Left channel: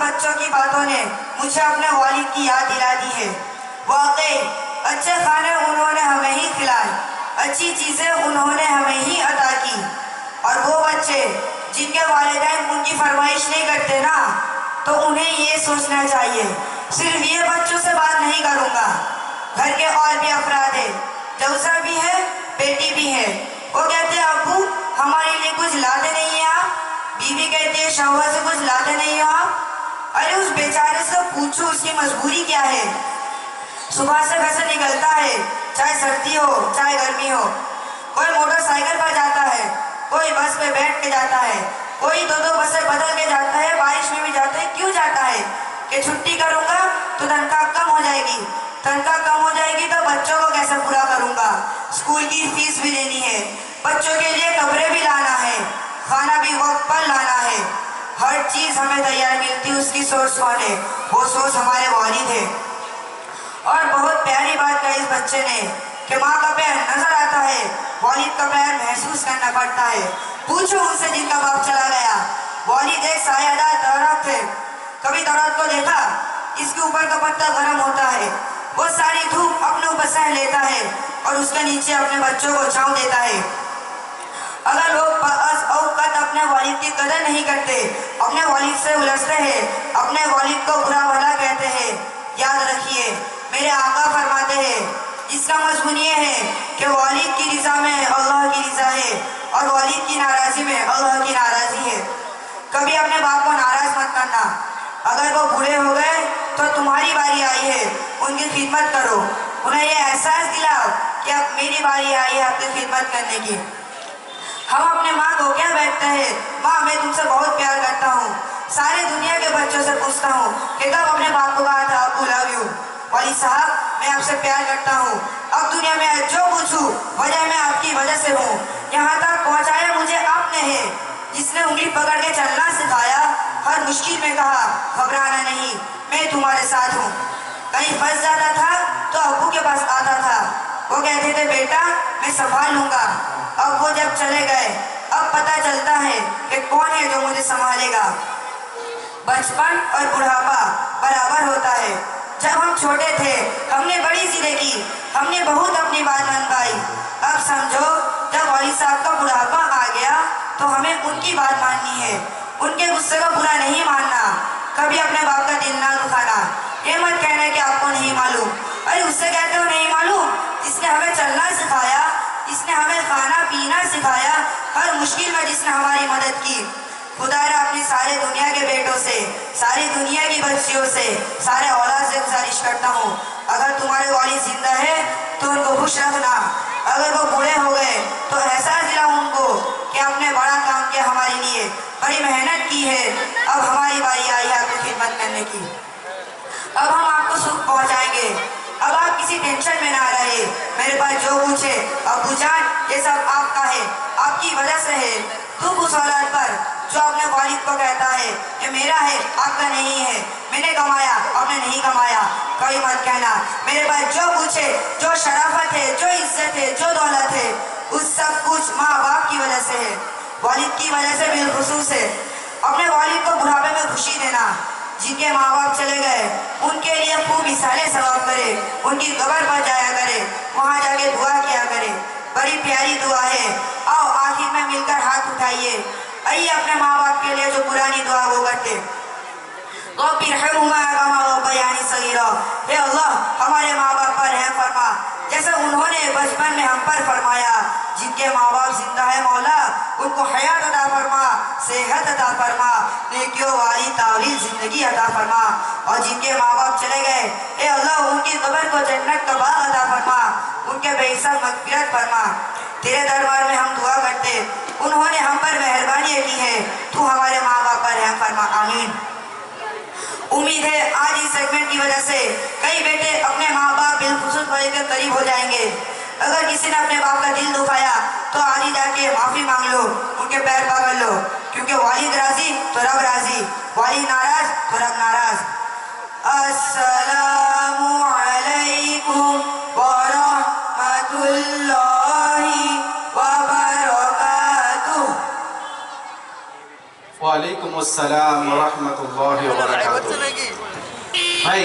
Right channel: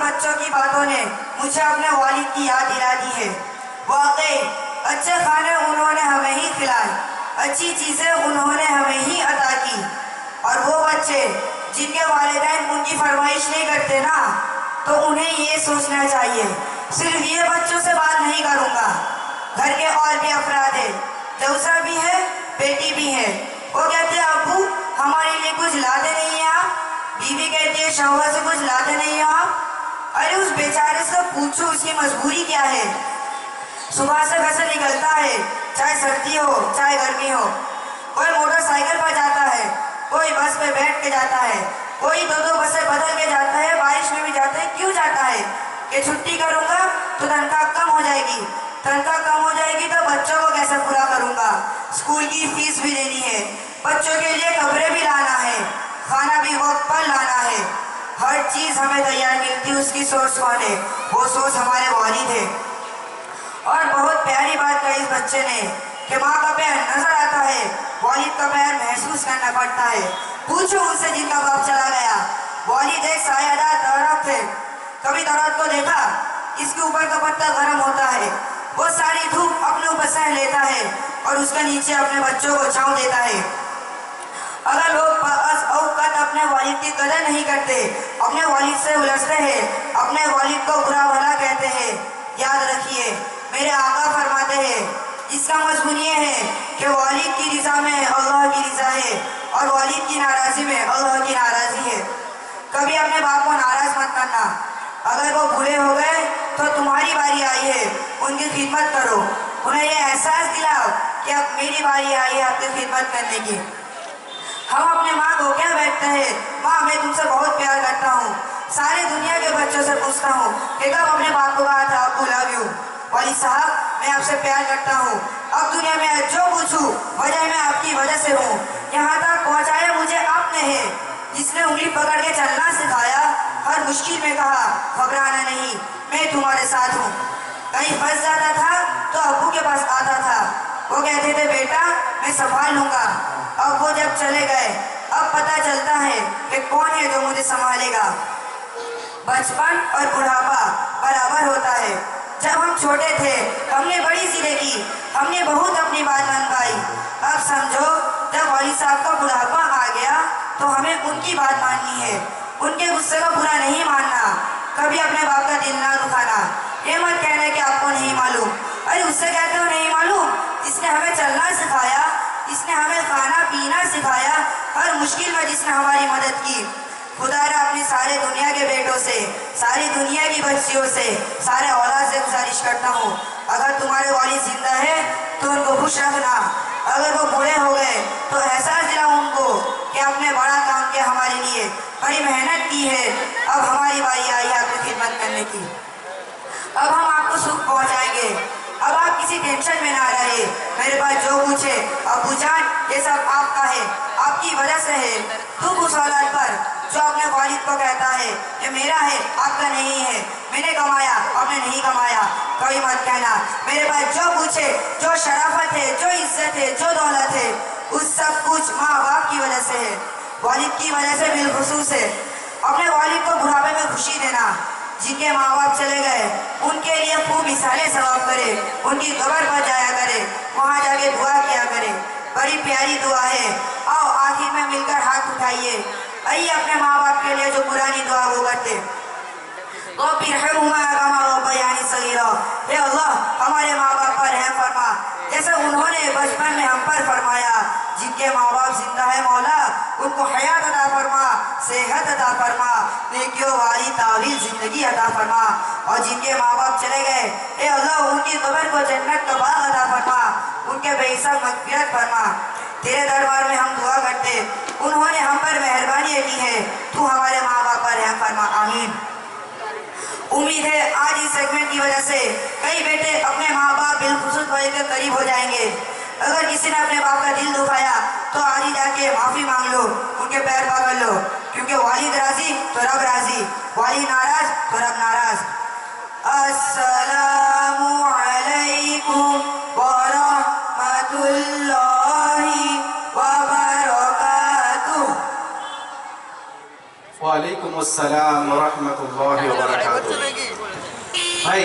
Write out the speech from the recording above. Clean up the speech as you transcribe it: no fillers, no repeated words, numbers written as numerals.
बच्चों की बातों ने मुझे अपने वालिद की याद दिला दी है। वाकई अच्छे खाने उन्होंने हमें ही खिलाए, अच्छी चीज़ें उन्होंने हमें ही अता की। और वो बच्चे जिनके वालिदैन उनकी फरमाइश नहीं करते ना, तो उन्हें ये सोचना चाहिए सिर्फ ये बच्चों से बात नहीं करूँगा, घर के और भी अफराद है, जौसा भी है, बेटी भी है। वो कहते हैं अब्बू हमारे लिए कुछ लाते नहीं है आप। बीवी कहती है शौहर से कुछ लाते नहीं है आप। अरे उस बेचारे से पूछो उसकी मजबूरी क्या है। सुबह से घर से निकलता है, चाहे सर्दी हो चाहे गर्मी हो। कोई मोटरसाइकिल पर जाता है, कोई बस पे बैठ के जाता है, कोई दो दो बसें बदल के जाता है, बारिश में भी जाता है। क्यों जाता है? कि छुट्टी करूँगा तो तनख्वाह कम हो जाएगी, तनख्वाह कम हो जाएगी तो बच्चों को कैसे पूरा करूँगा, स्कूल की फीस भी देनी है, बच्चों के लिए कपड़े भी लाना है, खाना भी वक्त पर लाना है। हर चीज़ हमें तैयार मिलती, उसकी सोच कौन है? वो सोच हमारे वालिद है। और बहुत प्यारी बात कही इस बच्चे ने कि माँ का प्यार नजर आता है, वालिद का प्यार महसूस करना पड़ता है। पूछो उनसे जिनका बाप चला गया। वालिद एक सायादार दरख्त है, कभी दरख्त को देखा? इसके ऊपर का पत्ता गर्म होता है, वो सारी धूप अपने ऊपर सह लेता है और उसके नीचे अपने बच्चों को छांव देता है। अगर लोग औकात अपने वालिद की कदर नहीं करते, अपने वालिद से उलझते हैं, अपने वालिद को बुरा भला कहते हैं, याद रखिए मेरे आका फरमाते हैं इसका मजमून ये है कि वालिद की रज़ा में अल्लाह की रज़ा है और वालिद की नाराज़ी में अल्लाह की नाराज़ी है। कभी अपने बाप को नाराज़ मत करना। अगर वो बूढ़े हो गए तो तुम्हारी बारी आई है, उनकी खिदमत करो, उन्हें ये एहसास दिलाओ कि अब मेरी बारी आई है आपकी खिदमत करने की। हम अपने माँ को क्या बैठते हैं, माँ मैं तुमसे बहुत प्यार करता हूँ, सारी दुनिया के बच्चों से पूछता हूँ कि कब अपने बाप को कहा था अब्बू लव यू। वाली साहब मैं आपसे प्यार करता हूँ, अब दुनिया में जो पूछूं वजह मैं आपकी वजह से हूँ। यहाँ तक पहुँचाया मुझे आपने है, जिसने उंगली पकड़ के चलना सिखाया, हर मुश्किल में कहा घबराना नहीं मैं तुम्हारे साथ हूँ। कहीं फंस जाता था तो अब्बू के पास आता था, वो कहते थे बेटा मैं संभाल लूँगा। अब वो जब चले गए अब पता चलता है कि कौन है जो मुझे संभालेगा। बचपन और बुढ़ापा बराबर होता है। जब हम छोटे थे हमने बड़ी जिद की, हमने बहुत अपनी बात मनवाई। अब समझो जब वाली साहब का बुढ़ापा आ गया तो हमें उनकी बात माननी है, उनके गुस्से को बुरा नहीं मानना, कभी अपने बाप का दिल ना दुखाना। ये मत कहना कि आपको नहीं मालूम। अरे उससे कहते हो नहीं मालूम, इसने हमें चलना सिखाया, इसने हमें खाना पीना सिखाया, हर मुश्किल में जिसने हमारी मदद की। खुदारा अपनी सारे दुनिया के बेटों से, सारी दुनिया की बच्चियों से, सारे औलाद से गुजारिश करता हूँ अगर तुम्हारे वालिद जिंदा है तो उनको खुश रखना। अगर वो बूढ़े हो गए तो एहसास दिलाओ उनको कि आपने बड़ा काम किया हमारे लिए, बड़ी मेहनत की है, अब हमारी बारी आई है आपकी खिदमत करने की। अब हम आपको सुख पहुँचाएंगे, अब आप किसी टेंशन में ना रहे। मेरे पास जो पूछे अब्बू जान ये सब आपका है, आपकी वजह से है। दुख उस औलाद पर जो अपने वालिद को कहता है ये मेरा है आपका नहीं है, मैंने कमाया आपने नहीं कमाया। कभी मत कहना। मेरे पास जो पूछे, जो शराफत है, जो इज्जत है, जो दौलत है, उस सब कुछ माँ बाप की वजह से है, वालिद की वजह से बिलखुसूस है। अपने वालिद को बुढ़ापे में खुशी देना। जिनके माँ बाप चले गए उनके लिए खूब इसाले सवाब करे, उनकी कब्र पर जाया करे, वहाँ जाके दुआ किया करे। बड़ी प्यारी दुआ है, आओ आखिर में मिलकर हाथ उठाइए, आइए अपने माँ बाप के लिए जो पुरानी दुआ वो करते। हे अल्लाह हमारे माँ बाप पर रहम फरमा, जैसे उन्होंने बचपन में हम पर फरमाया। जिनके माँ बाप जिंदा है मौला उनको हयात अता फरमा, सेहत अता फरमा, नेकियों वाली तावील जिंदगी अता फरमा। और जिनके माँ बाप चले गए हे अल्लाह उनकी कब्र को जन्नत का बाग अता फरमा, उनके बेहिसाब मग़फ़िरत फरमा। तेरे दरबार में हम दुआ करते, उन्होंने हम पर मेहरबानी की है, तू हमारे माँ बाप पर रहम फरमा, आमीन। उम्मीद है आज इस सेगमेंट की वजह से कई बेटे अपने माँ बाप बिलखुसूस भाई के करीब हो जाएंगे। अगर किसी ने अपने बाप का दिल दुखाया तो आज ही जाके माफ़ी मांग लो, उनके पैर पकड़ लो, क्योंकि वालिद राजी तो रब राजी, वालिद नाराज तो रब नाराज। अस्सलामु अलैकुम व रहमतुल्लाहि व बरकातुहू। वालेकुम अस्सलाम व रहमतुल्लाहि व बरकातुहू। भाई